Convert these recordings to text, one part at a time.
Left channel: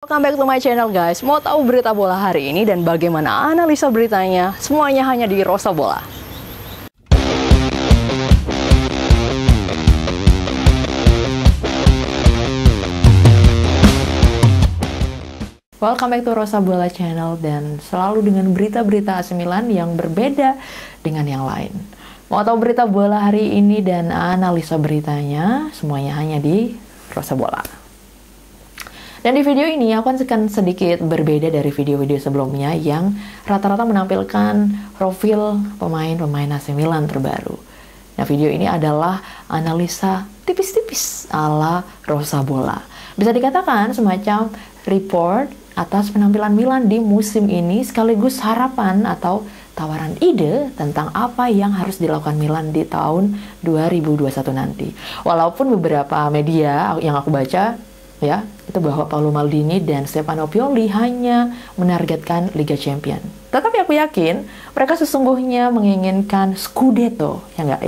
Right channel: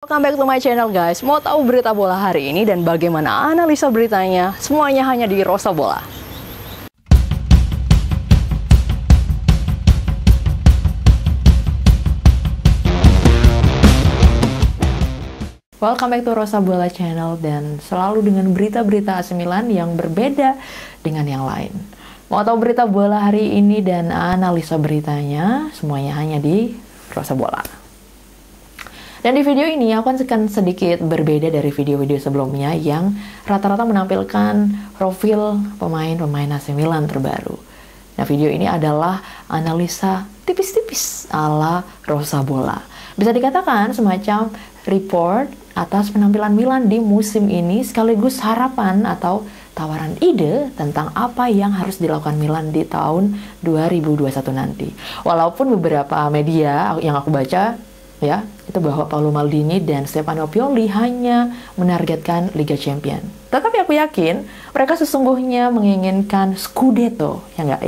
Welcome back to my channel guys. Mau tahu berita bola hari ini dan bagaimana analisa beritanya? Semuanya hanya di Rosa Bola. Welcome back to Rosa Bola channel dan selalu dengan berita-berita AC Milan yang berbeda dengan yang lain. Mau tahu berita bola hari ini dan analisa beritanya? Semuanya hanya di Rosa Bola. Dan di video ini aku akan sedikit berbeda dari video-video sebelumnya yang rata-rata menampilkan profil pemain-pemain AC Milan terbaru. Nah, video ini adalah analisa tipis-tipis ala Rosa Bola. Bisa dikatakan semacam report atas penampilan Milan di musim ini sekaligus harapan atau tawaran ide tentang apa yang harus dilakukan Milan di tahun 2021 nanti. Walaupun beberapa media yang aku baca ya, itu bahwa Paolo Maldini dan Stefano Pioli hanya menargetkan Liga Champions. Tetapi aku yakin mereka sesungguhnya menginginkan Scudetto, ya enggak.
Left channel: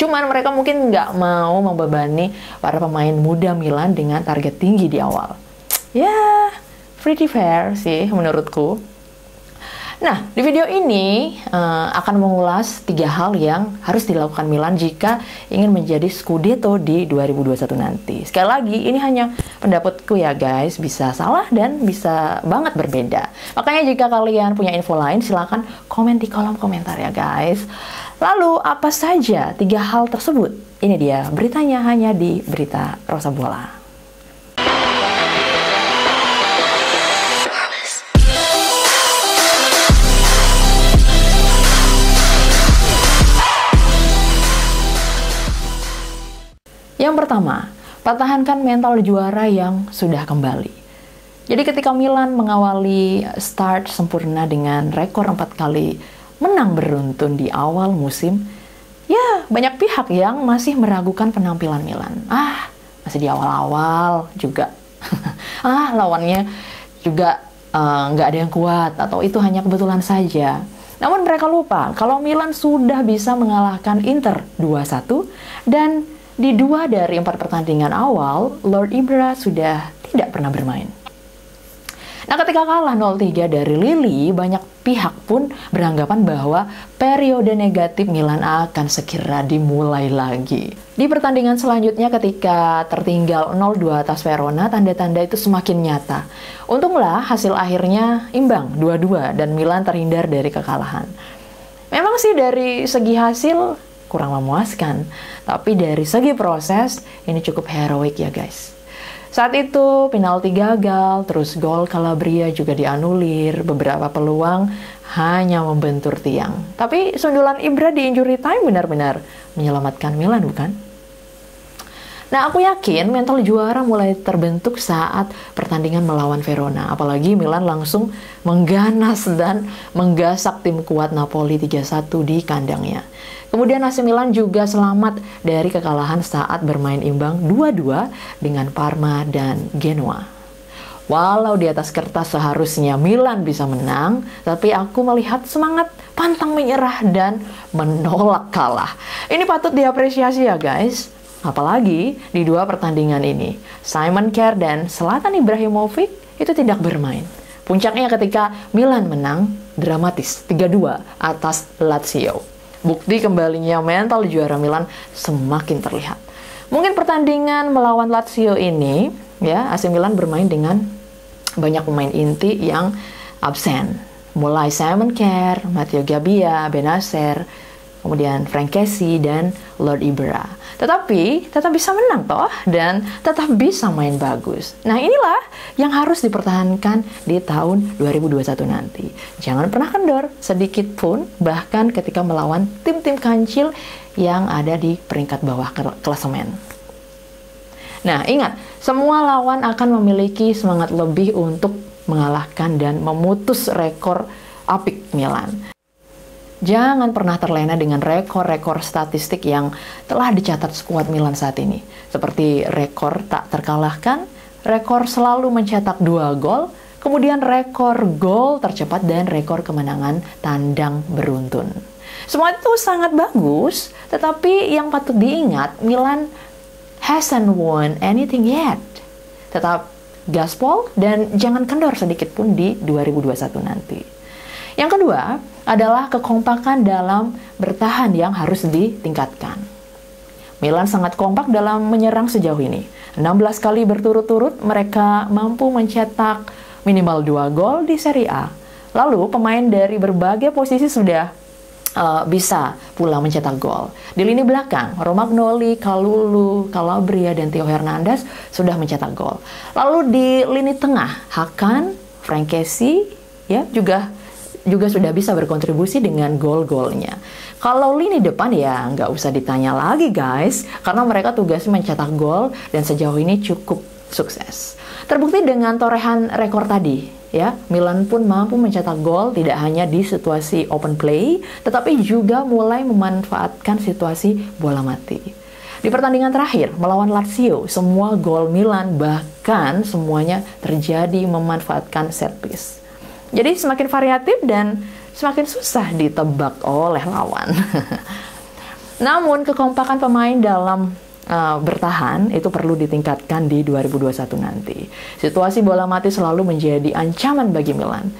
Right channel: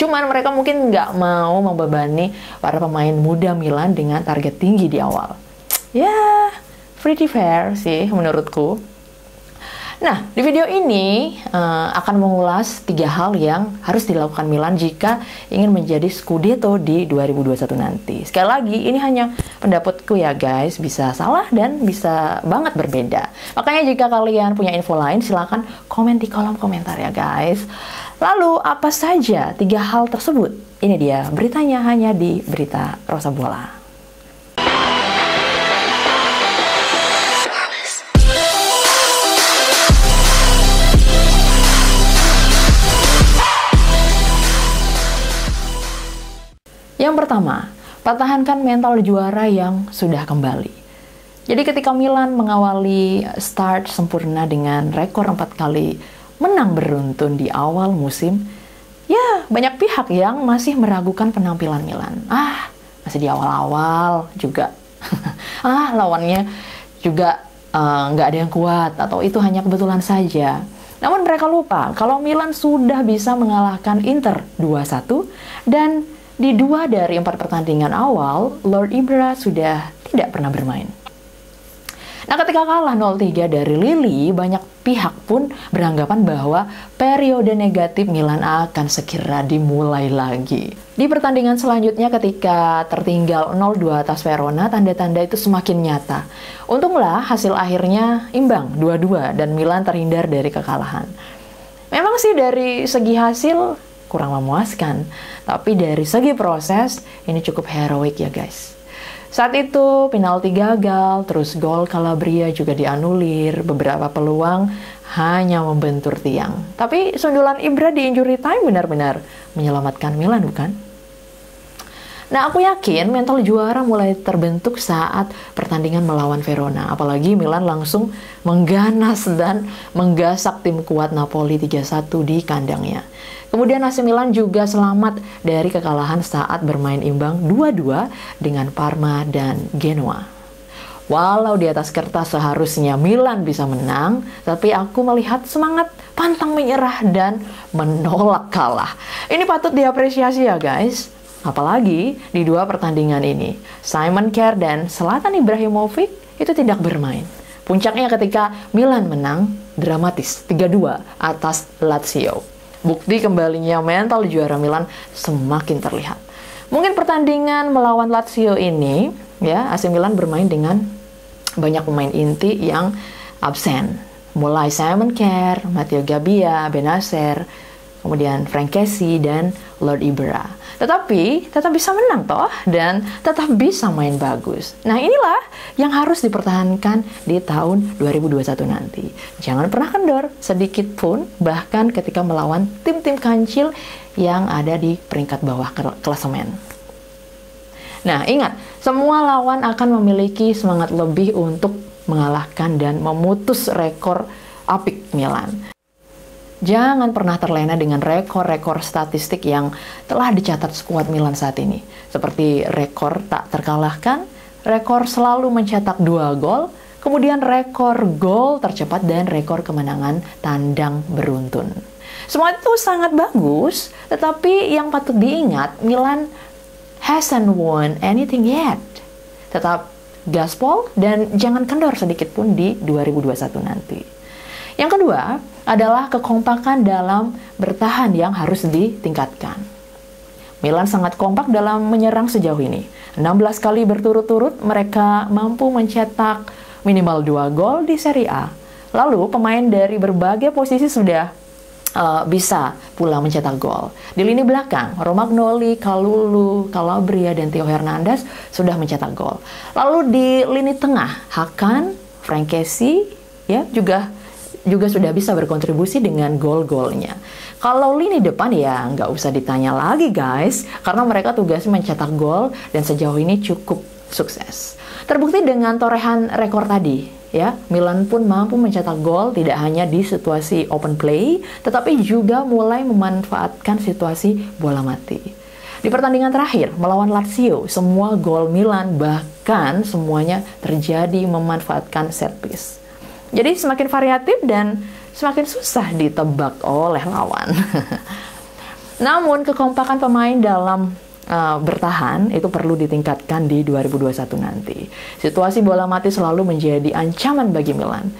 Cuman mereka mungkin nggak mau membebani para pemain muda Milan dengan target tinggi di awal. Ya, pretty fair sih menurutku. Nah, di video ini akan mengulas 3 hal yang harus dilakukan Milan jika ingin menjadi Scudetto di 2021 nanti. Sekali lagi, ini hanya pendapatku ya guys, bisa salah dan bisa banget berbeda. Makanya jika kalian punya info lain, silahkan komen di kolom komentar ya guys. Lalu, apa saja 3 hal tersebut? Ini dia, beritanya hanya di Berita Rosa Bola. Yang pertama, pertahankan mental juara yang sudah kembali. Jadi ketika Milan mengawali start sempurna dengan rekor 4 kali menang beruntun di awal musim, ya banyak pihak yang masih meragukan penampilan Milan. Masih di awal-awal juga. Lawannya juga nggak ada yang kuat atau itu hanya kebetulan saja. Namun mereka lupa kalau Milan sudah bisa mengalahkan Inter 2-1 dan di 2 dari 4 pertandingan awal, Lord Ibra sudah tidak pernah bermain. Nah, ketika kalah 0-3 dari Lille, banyak pihak pun beranggapan bahwa periode negatif Milan akan segera dimulai lagi. Di pertandingan selanjutnya ketika tertinggal 0-2 atas Verona, tanda-tanda itu semakin nyata. Untunglah hasil akhirnya imbang 2-2 dan Milan terhindar dari kekalahan. Memang sih dari segi hasil kurang memuaskan, tapi dari segi proses ini cukup heroik ya guys. Saat itu penalti gagal, terus gol Calabria juga dianulir, beberapa peluang hanya membentur tiang. Tapi sundulan Ibra di injury time benar-benar menyelamatkan Milan, bukan? Nah, aku yakin mental juara mulai terbentuk saat pertandingan melawan Verona. Apalagi Milan langsung mengganas dan menggasak tim kuat Napoli 3-1 di kandangnya. Kemudian AC Milan juga selamat dari kekalahan saat bermain imbang 2-2 dengan Parma dan Genoa. Walau di atas kertas seharusnya Milan bisa menang, tapi aku melihat semangat pantang menyerah dan menolak kalah. Ini patut diapresiasi ya guys. Apalagi di 2 pertandingan ini, Simon Kjaer dan Zlatan Ibrahimovic itu tidak bermain. Puncaknya ketika Milan menang dramatis 3-2 atas Lazio. Bukti kembalinya mental juara Milan semakin terlihat. Mungkin pertandingan melawan Lazio ini, ya AC Milan bermain dengan banyak pemain inti yang absen. Mulai Simon Kjaer, Matteo Gabbia, Benacer, kemudian Frank Kessie dan Lord Ibra. Tetapi tetap bisa menang toh dan tetap bisa main bagus. Nah, inilah yang harus dipertahankan di tahun 2021 nanti. Jangan pernah kendor sedikit pun, bahkan ketika melawan tim-tim kancil yang ada di peringkat bawah klasemen. Nah, ingat, semua lawan akan memiliki semangat lebih untuk mengalahkan dan memutus rekor apik Milan. Jangan pernah terlena dengan rekor-rekor statistik yang telah dicatat skuad Milan saat ini. Seperti rekor tak terkalahkan, rekor selalu mencetak 2 gol, kemudian rekor gol tercepat dan rekor kemenangan tandang beruntun. Semua itu sangat bagus, tetapi yang patut diingat, Milan hasn't won anything yet. gaspol, dan jangan kendor sedikit pun di 2021 nanti. Yang kedua adalah kekompakan dalam bertahan yang harus ditingkatkan. Milan sangat kompak dalam menyerang sejauh ini. 16 kali berturut-turut mereka mampu mencetak minimal 2 gol di Serie A. Lalu pemain dari berbagai posisi sudah bisa pula mencetak gol. Di lini belakang, Romagnoli, Kalulu, Calabria, dan Theo Hernandez sudah mencetak gol. Lalu di lini tengah, Hakan, Frank Kessie ya juga sudah bisa berkontribusi dengan gol-golnya. Kalau lini depan ya nggak usah ditanya lagi guys, karena mereka tugasnya mencetak gol dan sejauh ini cukup sukses. Terbukti dengan torehan rekor tadi, ya, Milan pun mampu mencetak gol tidak hanya di situasi open play, tetapi juga mulai memanfaatkan situasi bola mati. Di pertandingan terakhir melawan Lazio, semua gol Milan bahkan semuanya terjadi memanfaatkan set piece. Jadi semakin variatif dan semakin susah ditebak oleh lawan. Namun kekompakan pemain dalam bertahan itu perlu ditingkatkan di 2021 nanti. Situasi bola mati selalu menjadi ancaman bagi Milan.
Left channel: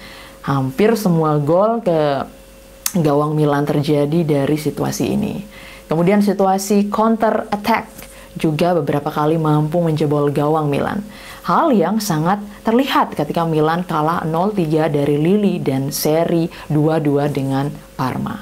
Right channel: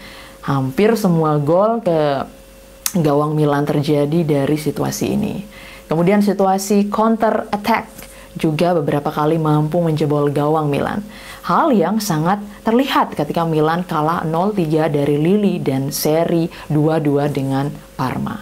Hampir semua gol ke gawang Milan terjadi dari situasi ini. Kemudian situasi counter attack juga beberapa kali mampu menjebol gawang Milan. Hal yang sangat terlihat ketika Milan kalah 0-3 dari Lille dan seri 2-2 dengan Parma.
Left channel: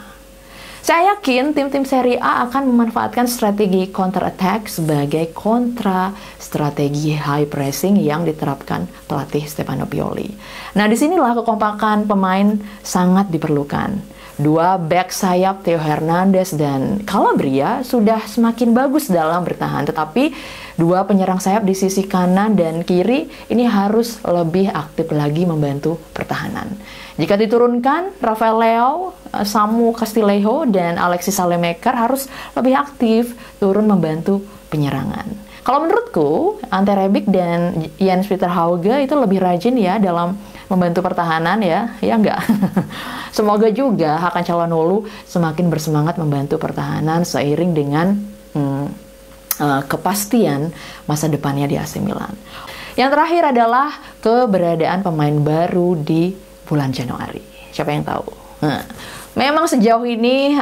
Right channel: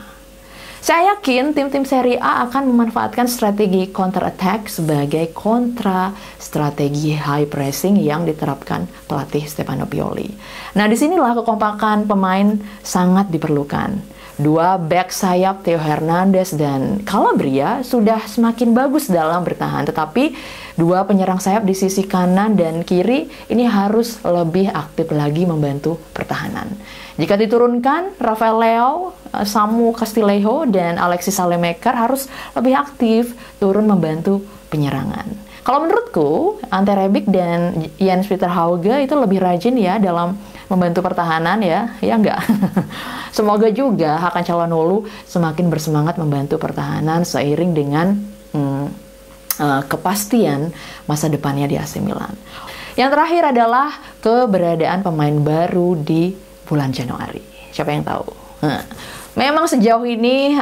Saya yakin tim-tim Serie A akan memanfaatkan strategi counter attack sebagai kontra strategi high pressing yang diterapkan pelatih Stefano Pioli. Nah, disinilah kekompakan pemain sangat diperlukan. Dua back sayap Theo Hernandez dan Calabria sudah semakin bagus dalam bertahan, tetapi dua penyerang sayap di sisi kanan dan kiri ini harus lebih aktif lagi membantu pertahanan. Jika diturunkan, Rafael Leao, Samu Castillejo, dan Alexis Salemaker harus lebih aktif turun membantu penyerangan. Kalau menurutku, Ante Rebic dan Jens Peter Hauge itu lebih rajin ya dalam membantu pertahanan ya enggak. Semoga juga Hakan Calhanoglu semakin bersemangat membantu pertahanan seiring dengan kepastian masa depannya di AC Milan. Yang terakhir adalah keberadaan pemain baru di bulan Januari. Siapa yang tahu? Memang sejauh ini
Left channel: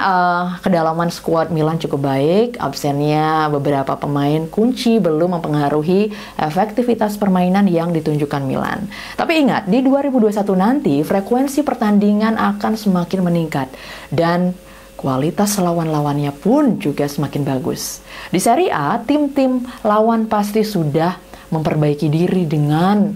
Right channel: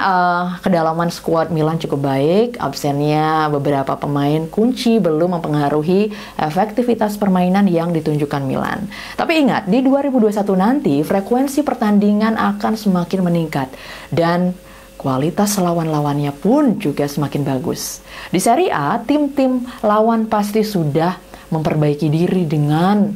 kedalaman skuad Milan cukup baik. Absennya beberapa pemain kunci belum mempengaruhi efektivitas permainan yang ditunjukkan Milan. Tapi ingat, di 2021 nanti frekuensi pertandingan akan semakin meningkat dan kualitas lawan-lawannya pun juga semakin bagus. Di Serie A, tim-tim lawan pasti sudah memperbaiki diri dengan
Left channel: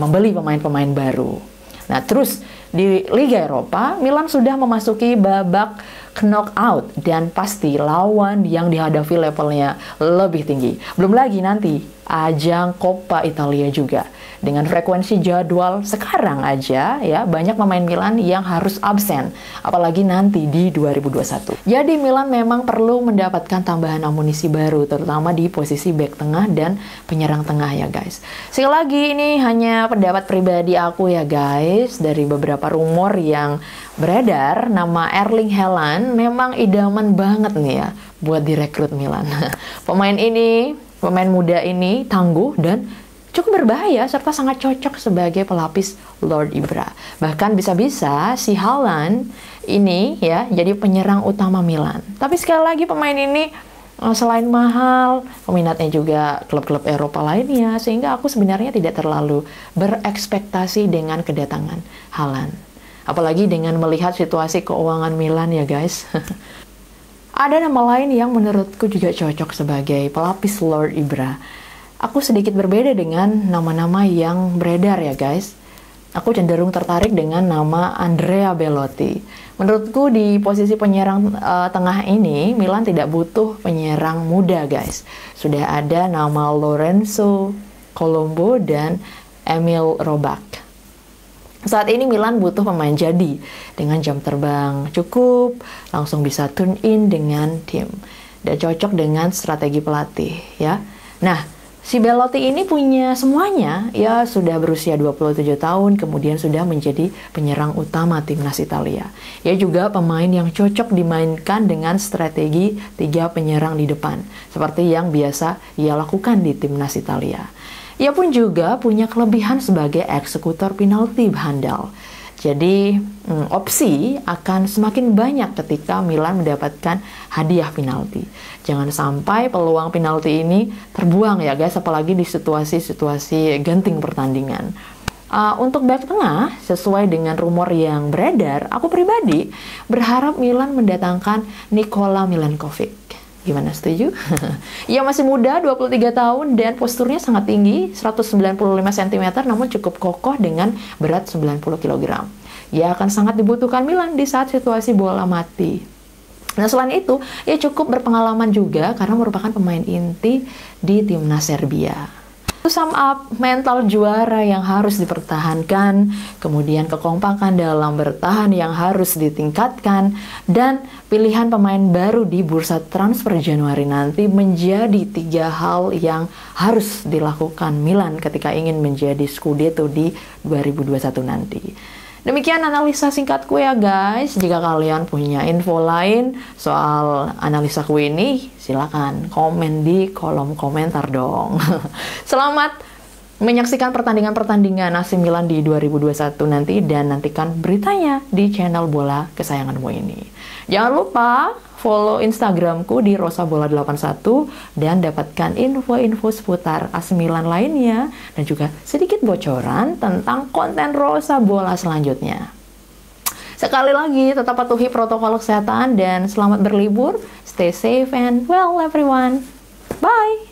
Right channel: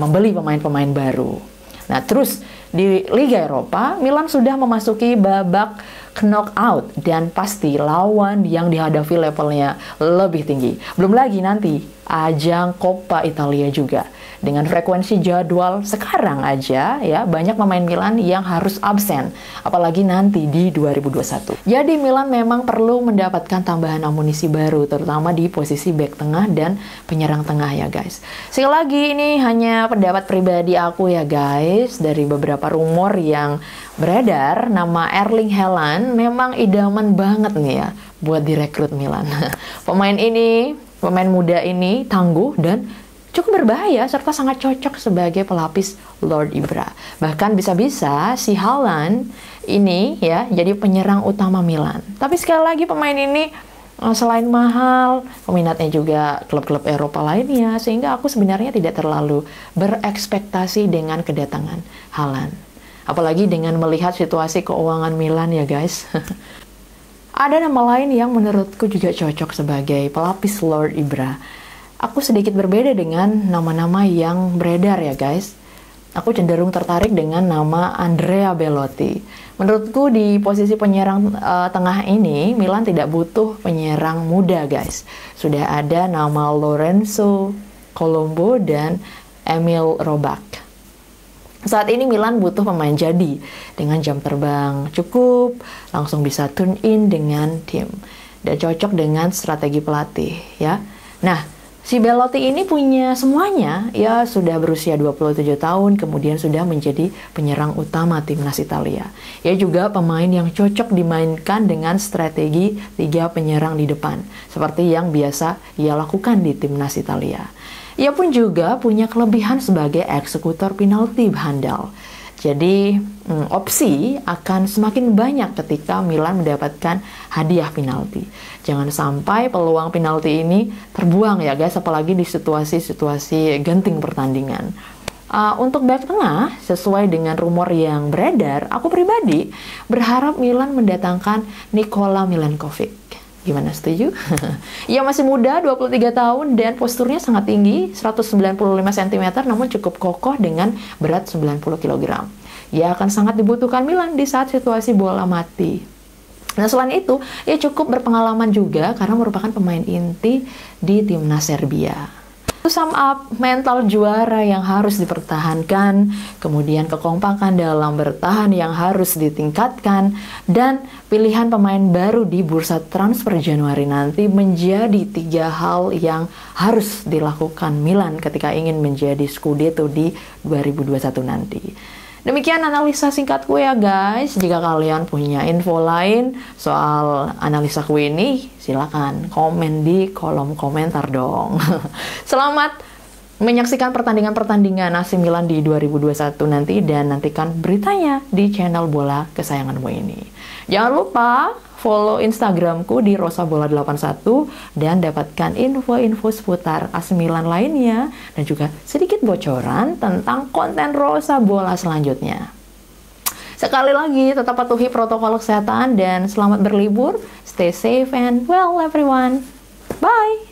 membeli pemain-pemain baru. Nah, terus di Liga Eropa, Milan sudah memasuki babak knockout dan pasti lawan yang dihadapi levelnya lebih tinggi. Belum lagi nanti ajang Coppa Italia juga. Dengan frekuensi jadwal sekarang aja ya banyak pemain Milan yang harus absen, apalagi nanti di 2021. Jadi Milan memang perlu mendapatkan tambahan amunisi baru, terutama di posisi bek tengah dan penyerang tengah ya guys. Sekali lagi ini hanya pendapat pribadi aku ya guys, dari beberapa rumor yang beredar nama Erling Haaland memang idaman banget nih ya buat direkrut Milan. Pemain muda ini tangguh dan cukup berbahaya serta sangat cocok sebagai pelapis Lord Ibra. Bahkan bisa-bisa si Haaland ini ya jadi penyerang utama Milan. Tapi sekali lagi pemain ini selain mahal, peminatnya juga klub-klub Eropa lainnya, sehingga aku sebenarnya tidak terlalu berekspektasi dengan kedatangan Haaland. Apalagi dengan melihat situasi keuangan Milan ya guys. Ada nama lain yang menurutku juga cocok sebagai pelapis Lord Ibra. Aku sedikit berbeda dengan nama-nama yang beredar ya guys. Aku cenderung tertarik dengan nama Andrea Belotti. Menurutku di posisi penyerang tengah ini, Milan tidak butuh penyerang muda guys. Sudah ada nama Lorenzo Colombo dan Emil Robak. Saat ini Milan butuh pemain jadi dengan jam terbang cukup, langsung bisa tune in dengan tim dan cocok dengan strategi pelatih ya. Nah, si Belotti ini punya semuanya, ya sudah berusia 27 tahun, kemudian sudah menjadi penyerang utama timnas Italia. Ia juga pemain yang cocok dimainkan dengan strategi 3 penyerang di depan, seperti yang biasa ia lakukan di timnas Italia. Ia pun juga punya kelebihan sebagai eksekutor penalti handal. Jadi opsi akan semakin banyak ketika Milan mendapatkan hadiah penalti. Jangan sampai peluang penalti ini terbuang ya guys, apalagi di situasi-situasi genting pertandingan. Untuk bek tengah, sesuai dengan rumor yang beredar, aku pribadi berharap Milan mendatangkan Nikola Milenkovic. Gimana, setuju? Ia masih muda, 23 tahun, dan posturnya sangat tinggi, 195 cm, namun cukup kokoh dengan berat 90 kg. Ia akan sangat dibutuhkan Milan di saat situasi bola mati. Nah, selain itu, ia cukup berpengalaman juga karena merupakan pemain inti di timnas Serbia. To sum up, mental juara yang harus dipertahankan, kemudian kekompakan dalam bertahan yang harus ditingkatkan, dan pilihan pemain baru di bursa transfer Januari nanti menjadi 3 hal yang harus dilakukan Milan ketika ingin menjadi Scudetto di 2021 nanti. Demikian analisa singkatku ya guys. Jika kalian punya info lain soal analisaku ini, silakan komen di kolom komentar dong. Selamat menyaksikan pertandingan-pertandingan AC Milan di 2021 nanti, dan nantikan beritanya di channel bola kesayanganmu ini. Jangan lupa follow Instagramku di rosabola81 dan dapatkan info-info seputar AC Milan lainnya dan juga sedikit bocoran tentang konten Rosa Bola selanjutnya. Sekali lagi, tetap patuhi protokol kesehatan dan selamat berlibur. Stay safe and well everyone. Bye.